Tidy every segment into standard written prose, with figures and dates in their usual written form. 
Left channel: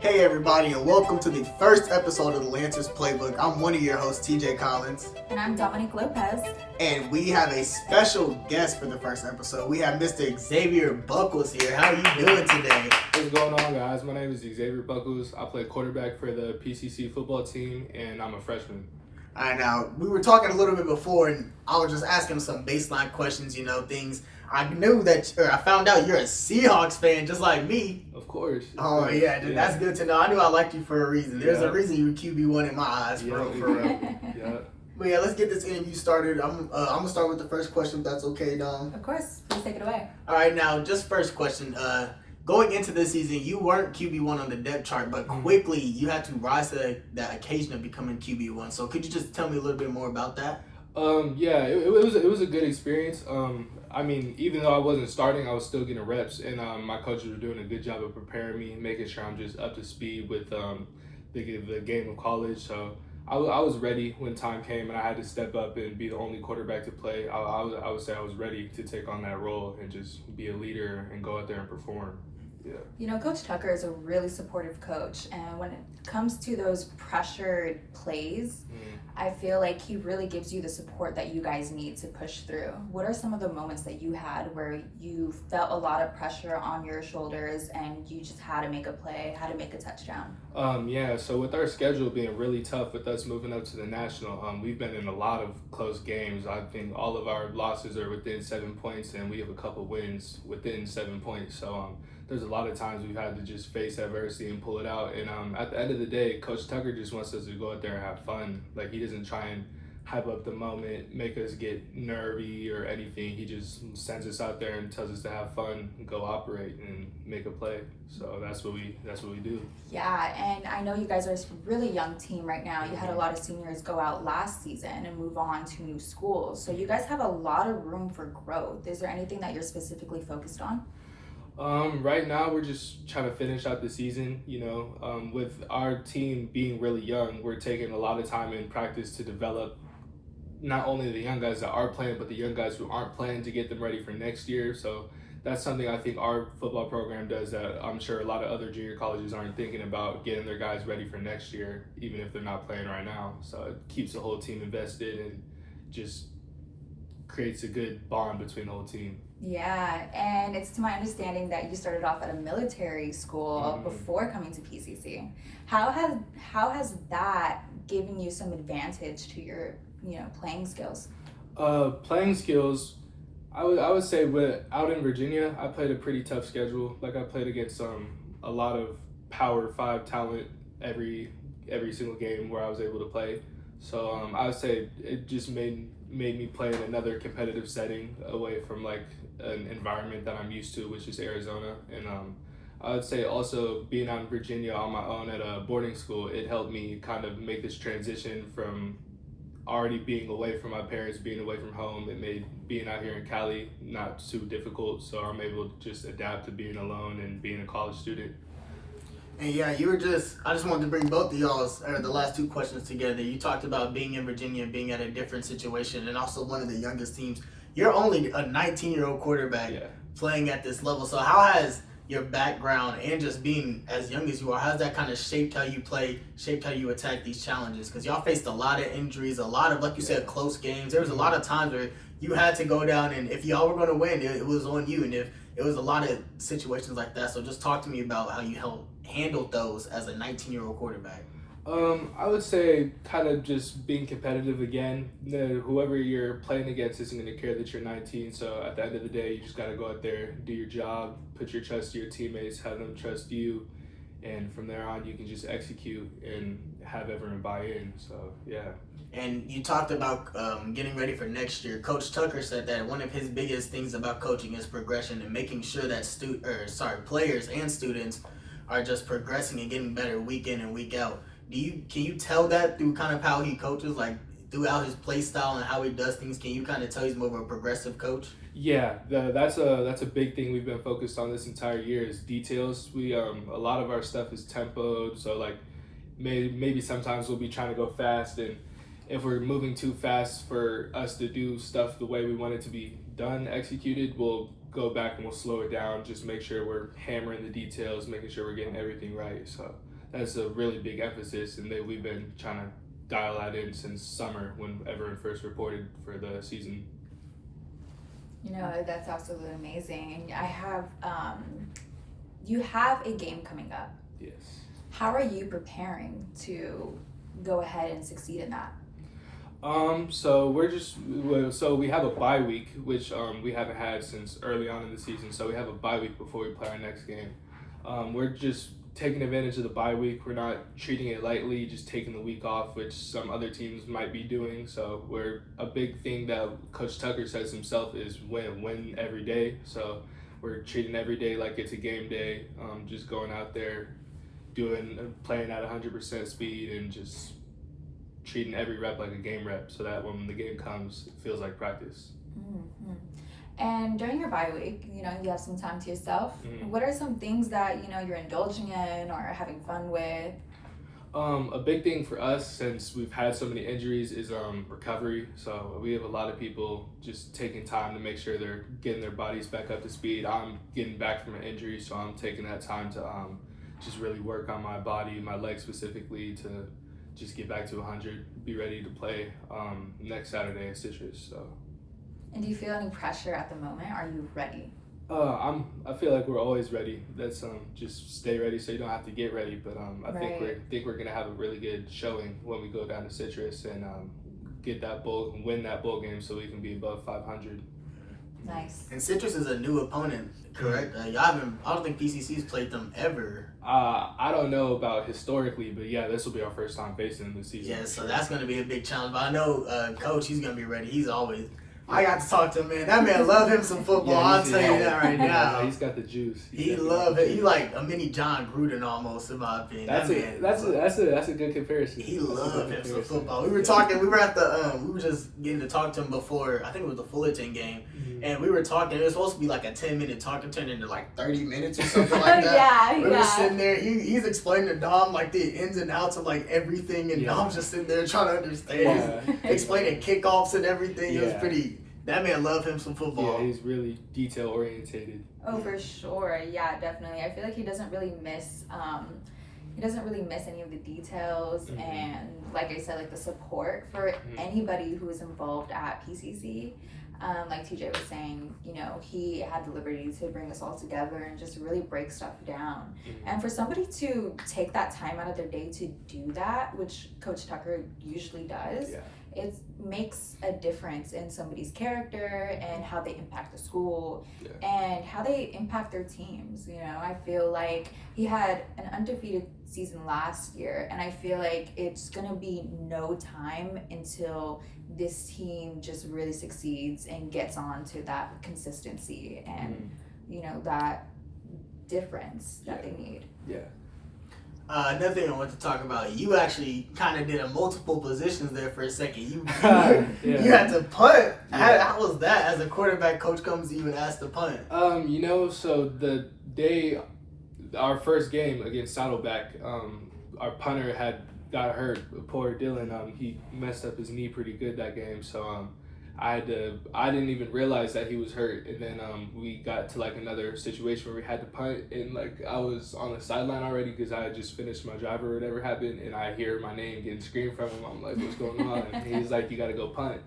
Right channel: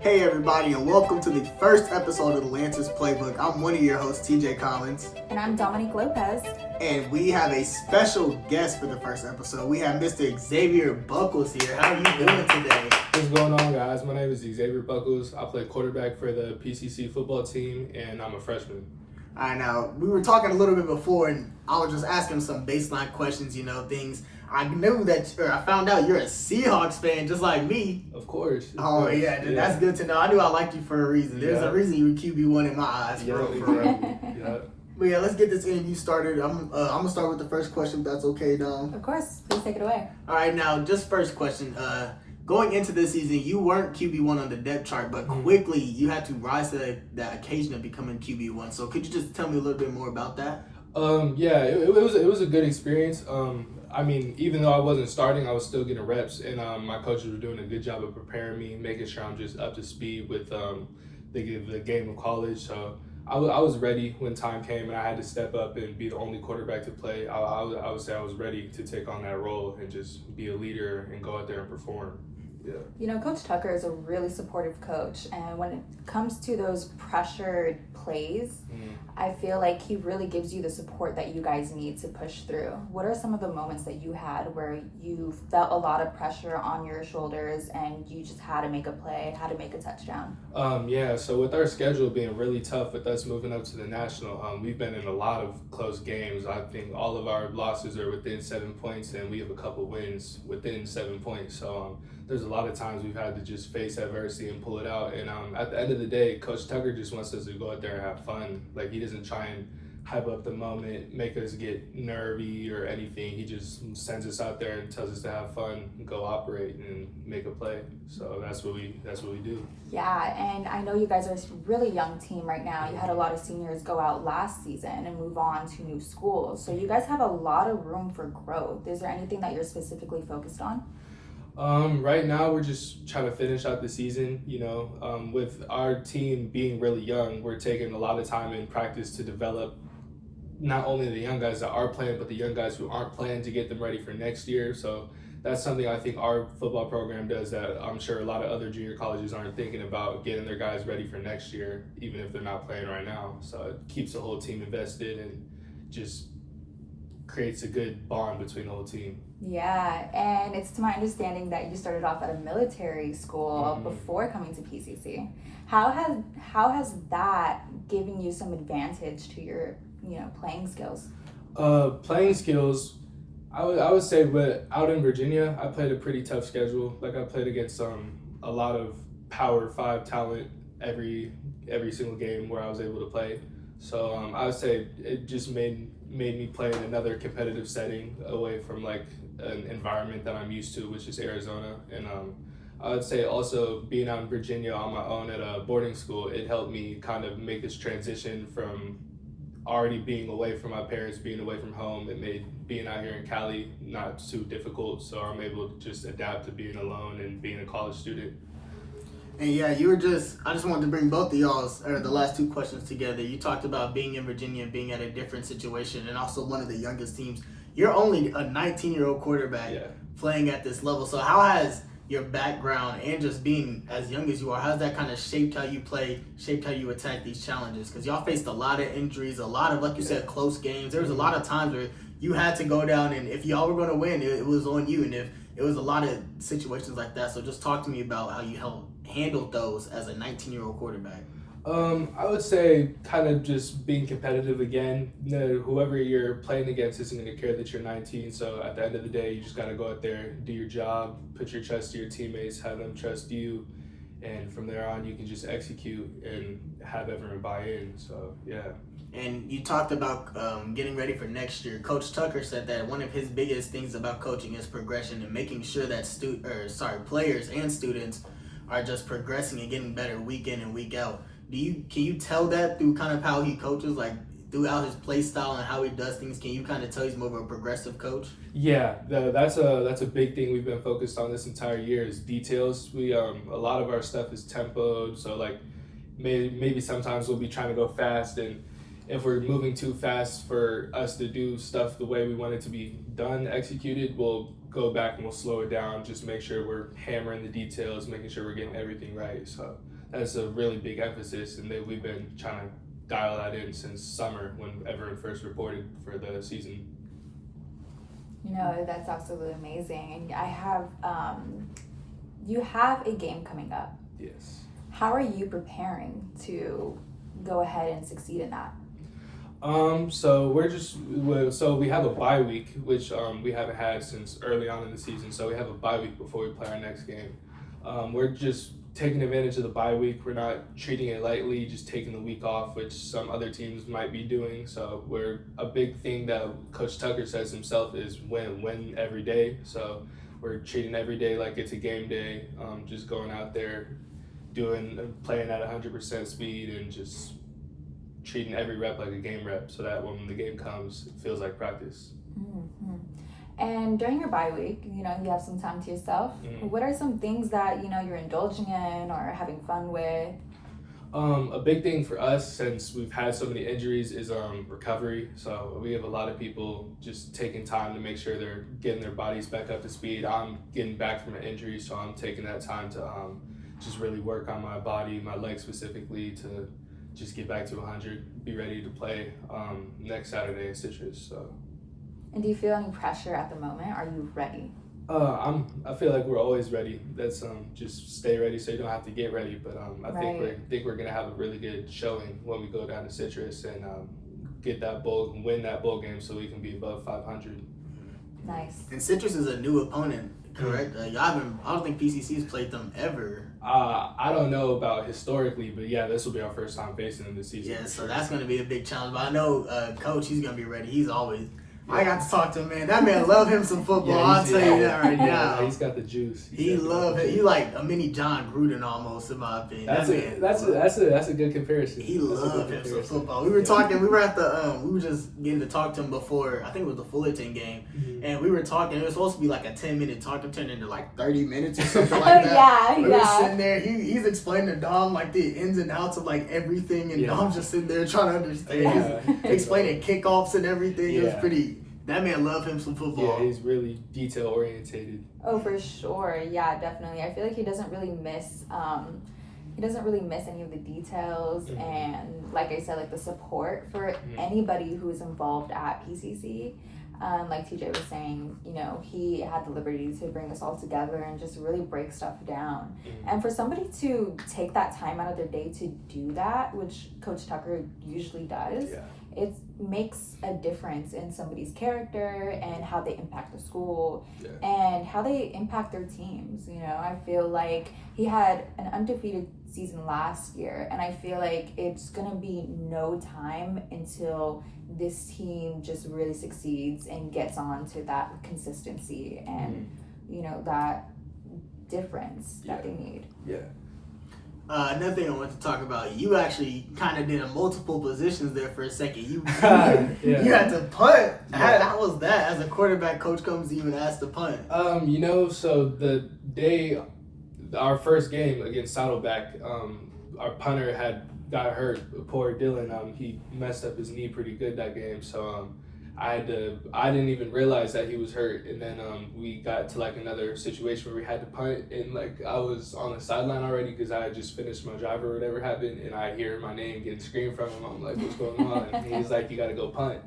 Hey everybody, and welcome to the first episode of the Lancers Playbook. I'm one of your hosts, TJ Collins. And I'm Dominique Lopez. And we have a special guest for the first episode. We have Mr. Xavier Buckles here. How are you doing today? What's going on, guys? My name is Xavier Buckles. I play quarterback for the PCC football team, and I'm a freshman. All right, now, we were talking a little bit before, and I was just asking some baseline questions, things. I found out you're a Seahawks fan, just like me. Of course. Oh, yeah, that's good to know. I knew I liked you for a reason. There's a reason you were QB1 in my eyes, for real. Yeah. But yeah, let's get this interview started. I'm going to start with the first question, if that's okay, Dom. Of course. Please take it away. All right, now, just first question. Going into this season, you weren't QB1 on the depth chart, but quickly you had to rise to that occasion of becoming QB1. So could you just tell me a little bit more about that? It was a good experience. Even though I wasn't starting, I was still getting reps, and my coaches were doing a good job of preparing me, making sure I'm just up to speed with the game of college. So I was ready when time came, and I had to step up and be the only quarterback to play. I would say I was ready to take on that role and just be a leader and go out there and perform. Yeah. You know, Coach Tucker is a really supportive coach, and when it comes to those pressured plays, I feel like he really gives you the support that you guys need to push through. What are some of the moments that you had where you felt a lot of pressure on your shoulders and you just had to make a play, had to make a touchdown? So with our schedule being really tough with us moving up to the national, we've been in a lot of close games. I think all of our losses are within 7 points, and we have a couple wins within 7 points. So there's a lot of times we've had to just face adversity and pull it out. And at the end of the day, Coach Tucker just wants us to go out there and have fun. Like, he doesn't try and hype up the moment, make us get nervy or anything. He just sends us out there and tells us to have fun, go operate, and make a play. So that's what we do. Yeah, and I know you guys are a really young team right now. You had a lot of seniors go out last season and move on to new schools. So you guys have a lot of room for growth. Is there anything that you're specifically focused on? Right now, we're just trying to finish out the season. With our team being really young, we're taking a lot of time in practice to develop not only the young guys that are playing, but the young guys who aren't playing, to get them ready for next year. So that's something I think our football program does that I'm sure a lot of other junior colleges aren't thinking about, getting their guys ready for next year, even if they're not playing right now. So it keeps the whole team invested and just creates a good bond between the whole team. Yeah, and it's to my understanding that you started off at a military school before coming to PCC. How has that given you some advantage to your playing skills? Playing skills, I would say, out in Virginia, I played a pretty tough schedule. Like, I played against a lot of Power 5 talent every single game where I was able to play. So I would say it just made me play in another competitive setting away from like an environment that I'm used to, which is Arizona. And I would say also being out in Virginia on my own at a boarding school, it helped me kind of make this transition from already being away from my parents, being away from home. It made being out here in Cali not too difficult, so I'm able to just adapt to being alone and being a college student. And yeah, I just wanted to bring both of y'all's, the last two questions together. You talked about being in Virginia, being at a different situation, and also one of the youngest teams. You're only a 19-year-old quarterback playing at this level. So how has your background and just being as young as you are, how's that kind of shaped how you play, shaped how you attack these challenges? Because y'all faced a lot of injuries, a lot of, like you said, close games. There was a lot of times where you had to go down, and if y'all were going to win, it was on you. And if it was a lot of situations like that. So just talk to me about how you handled those as a 19-year-old quarterback. I would say kind of just being competitive again. Whoever you're playing against isn't going to care that you're 19. So at the end of the day, you just got to go out there, do your job, put your trust to your teammates, have them trust you. And from there on, you can just execute and have everyone buy in. So, yeah. And you talked about getting ready for next year. Coach Tucker said that one of his biggest things about coaching is progression and making sure that players and students are just progressing and getting better week in and week out. Can you tell that through kind of how he coaches, like throughout his play style and how he does things? Can you kind of tell he's more of a progressive coach? Yeah, that's a big thing we've been focused on this entire year is details. We a lot of our stuff is tempoed, so like maybe sometimes we'll be trying to go fast, and if we're moving too fast for us to do stuff the way we want it to be done, executed, we'll go back and we'll slow it down, just make sure we're hammering the details, making sure we're getting everything right. So that's a really big emphasis, and that we've been trying to dial that in since summer when everyone first reported for the season. You know, that's absolutely amazing. And I have, you have a game coming up. Yes. How are you preparing to go ahead and succeed in that? So we have a bye week, which we haven't had since early on in the season. So we have a bye week before we play our next game. We're just taking advantage of the bye week. We're not treating it lightly, just taking the week off, which some other teams might be doing. So a big thing that Coach Tucker says himself is win every day. So we're treating every day like it's a game day, just going out there, playing at 100% speed, and just treating every rep like a game rep, so that when the game comes, it feels like practice. Mm-hmm. And during your bye week, you know, you have some time to yourself. Mm-hmm. What are some things that, you know, you're indulging in or having fun with? A big thing for us, since we've had so many injuries, is recovery. So we have a lot of people just taking time to make sure they're getting their bodies back up to speed. I'm getting back from an injury, so I'm taking that time to just really work on my body, my legs specifically, to just get back to 100, be ready to play next Saturday in Citrus. So. And do you feel any pressure at the moment? Are you ready? I feel like we're always ready. That's just stay ready, so you don't have to get ready. But I think we're gonna have a really good showing when we go down to Citrus and win that bowl game, so we can be above 500. Nice. And Citrus is a new opponent, correct? I don't think PCC's played them ever. I don't know about historically, but yeah, this will be our first time facing them this season. Yeah, so that's going to be a big challenge. But I know Coach, he's going to be ready. He's always... I got to talk to him, man. That man love him some football. Yeah, I'll tell you that right now. Yeah, he's got the juice. He love it. He like a mini John Gruden almost, in my opinion. That's a good comparison. He loved him some football. We were talking. We were at the. We were just getting to talk to him before. I think it was the Fullerton game, and we were talking. It was supposed to be like a 10-minute talk. It turned into like 30 minutes or something like that. We were sitting there. He's explaining to Dom like the ins and outs of like everything, and Dom's just sitting there trying to understand. He's explaining kickoffs and everything. It was pretty. That man loved him some football. Yeah, he's really detail orientated. Oh, for sure. Yeah, definitely. I feel like he doesn't really miss any of the details, and like I said, like the support for anybody who is involved at PCC. Like TJ was saying, you know, he had the liberty to bring us all together and just really break stuff down. And for somebody to take that time out of their day to do that, which Coach Tucker usually does, it makes a difference in somebody's character and how they impact the school and how they impact their teams. You know, I feel like he had an undefeated season last year, and I feel like it's gonna be no time until this team just really succeeds and gets on to that consistency and you know, that difference that they need. Another thing I want to talk about, you actually kind of did a multiple positions there for a second. You had to punt. How was that? As a quarterback, coach comes to you and asks to punt. You know, so the day, our first game against Saddleback, our punter got hurt. Poor Dylan. He messed up his knee pretty good that game. So I didn't even realize that he was hurt, and then we got to like another situation where we had to punt, and like I was on the sideline already because I had just finished my drive or whatever happened, and I hear my name getting screamed from him. I'm like, what's going on? And he's like, you got to go punt.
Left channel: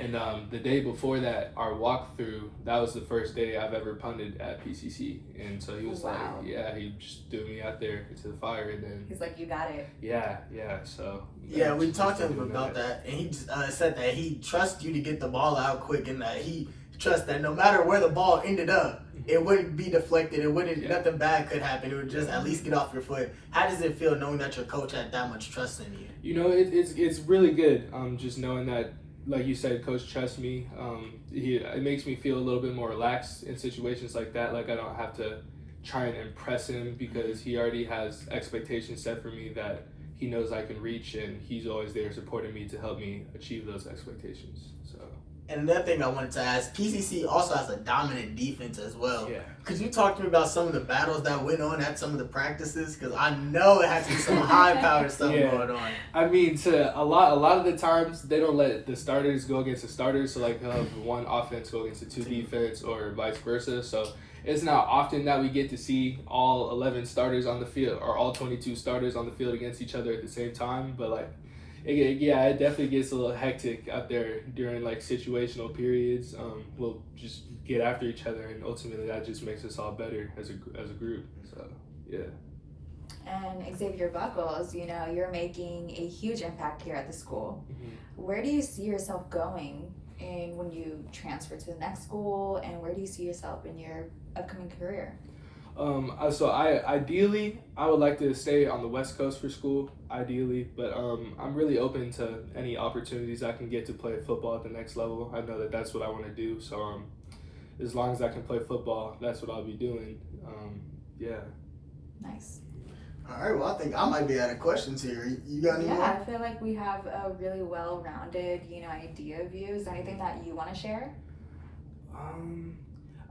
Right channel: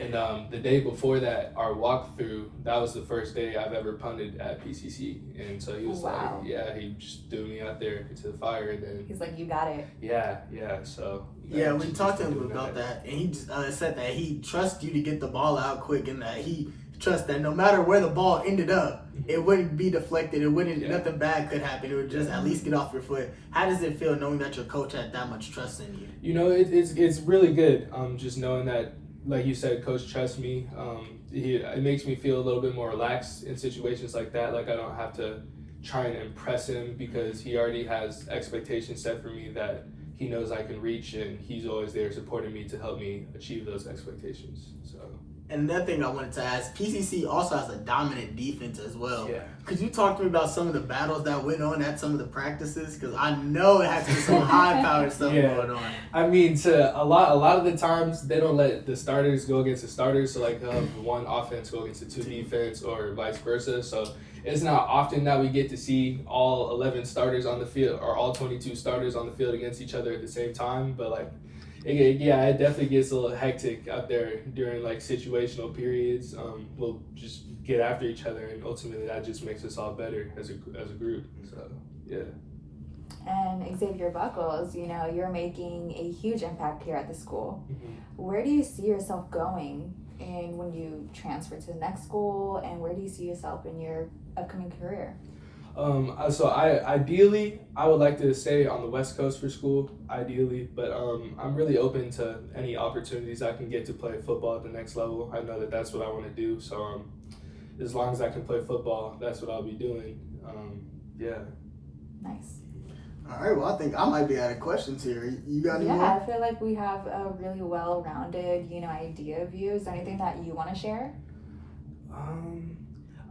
And the day before that, our walkthrough, that was the first day I've ever punted at PCC. And so he was he just threw me out there to the fire. And then He's like, you got it. So. We talked to him about that. And he just said that he trusts you to get the ball out quick, and that he trusts that no matter where the ball ended up, it wouldn't be deflected. It wouldn't, nothing bad could happen. It would just at least get off your foot. How does it feel knowing that your coach had that much trust in you? You know, it's really good. Just knowing that, like you said, Coach trusts me. It makes me feel a little bit more relaxed in situations like that. Like I don't have to try and impress him because he already has expectations set for me that he knows I can reach, and he's always there supporting me to help me achieve those expectations. So. And another thing I wanted to ask, PCC also has a dominant defense as well. Yeah. Could you talk to me about some of the battles that went on at some of the practices? Because I know it has to be some high-powered stuff going on. I mean, a lot of the times they don't let the starters go against the starters. So like they'll have one offense go against the two defense, or vice versa. So it's not often that we get to see all 11 starters on the field or all 22 starters on the field against each other at the same time. But like, it definitely gets a little hectic out there during like situational periods. We'll just get after each other, and ultimately that just makes us all better as a group. So yeah. And Xavier Buckles, you know, you're making a huge impact here at the school. Mm-hmm. Where do you see yourself going and when you transfer to the next school, and where do you see yourself in your upcoming career? So ideally I would like to stay on the West Coast for school, ideally, but I'm really open to any opportunities I can get to play football at the next level. I know that that's what I want to do, so as long as I can play football, that's what I'll be doing. Yeah. Nice. All right, well, I think I might be out of questions here. You got any more? Yeah, I feel like we have a really well-rounded, you know, idea of you. Is there anything that you want to share?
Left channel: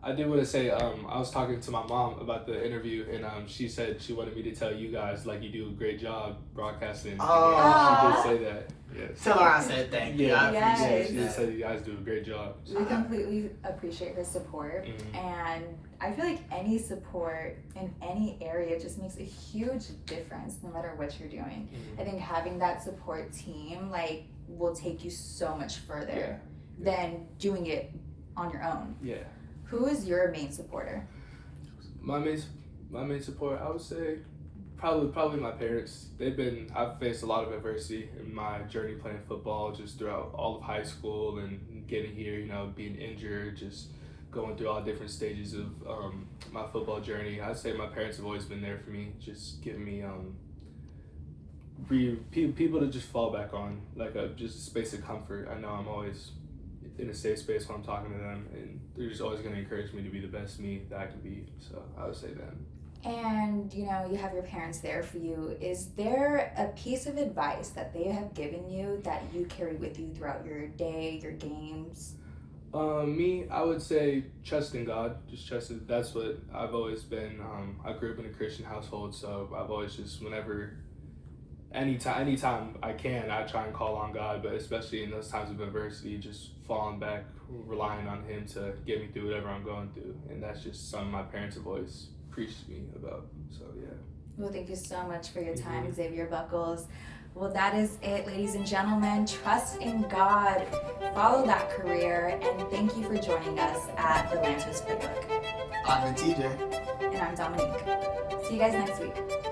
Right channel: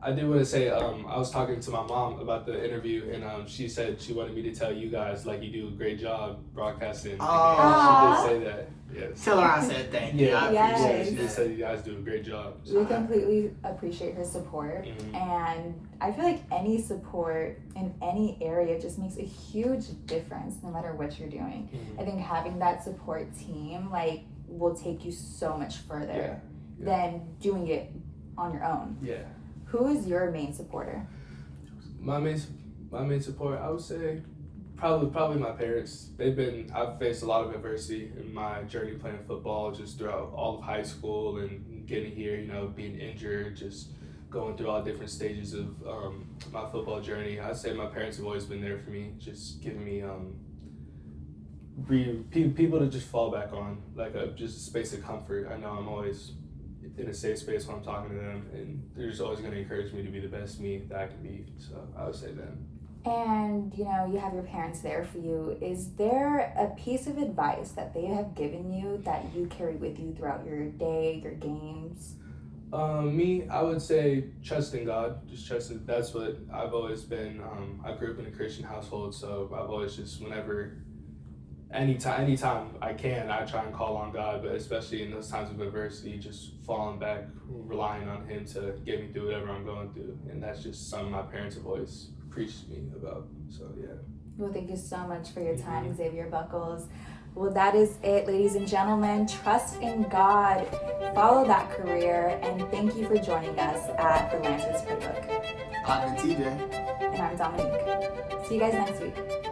I did want to say, I was talking to my mom about the interview, and she said she wanted me to tell you guys, like, you do a great job broadcasting. Oh. She did say that. Yes. Tell her I said thank you. I Yes. appreciate She that. said you guys do a great job. We completely appreciate her support, Mhm. and I feel like any support in any area just makes a huge difference no matter what you're doing. Mhm. I think having that support team like will take you so much further than doing it on your own. Yeah. Who is your main supporter? My main support, I would say, probably my parents. I've faced a lot of adversity in my journey playing football, just throughout all of high school and getting here, you know, being injured, just going through all different stages of my football journey. I'd say my parents have always been there for me, just giving me people to just fall back on, like just a space of comfort. I know I'm always in a safe space when I'm talking to them, and they're just always going to encourage me to be the best me that I can be. So I would say them. And you know, you have your parents there for you. Is there a piece of advice that they have given you that you carry with you throughout your day, your games? I would say trust in God. Just trust it. That's what I've always been. I grew up in a Christian household, so I've always just anytime I can, I try and call on God, but especially in those times of adversity, just falling back, relying on Him to get me through whatever I'm going through. And that's just something my parents have always preached to me about. So, yeah. Well, thank you so much for your time, Xavier Buckles. Well, that is it, ladies and gentlemen. Trust in God, follow that career, and thank you for joining us at the Lantis Playbook. I've been TJ. And I'm Dominique. See you guys next week.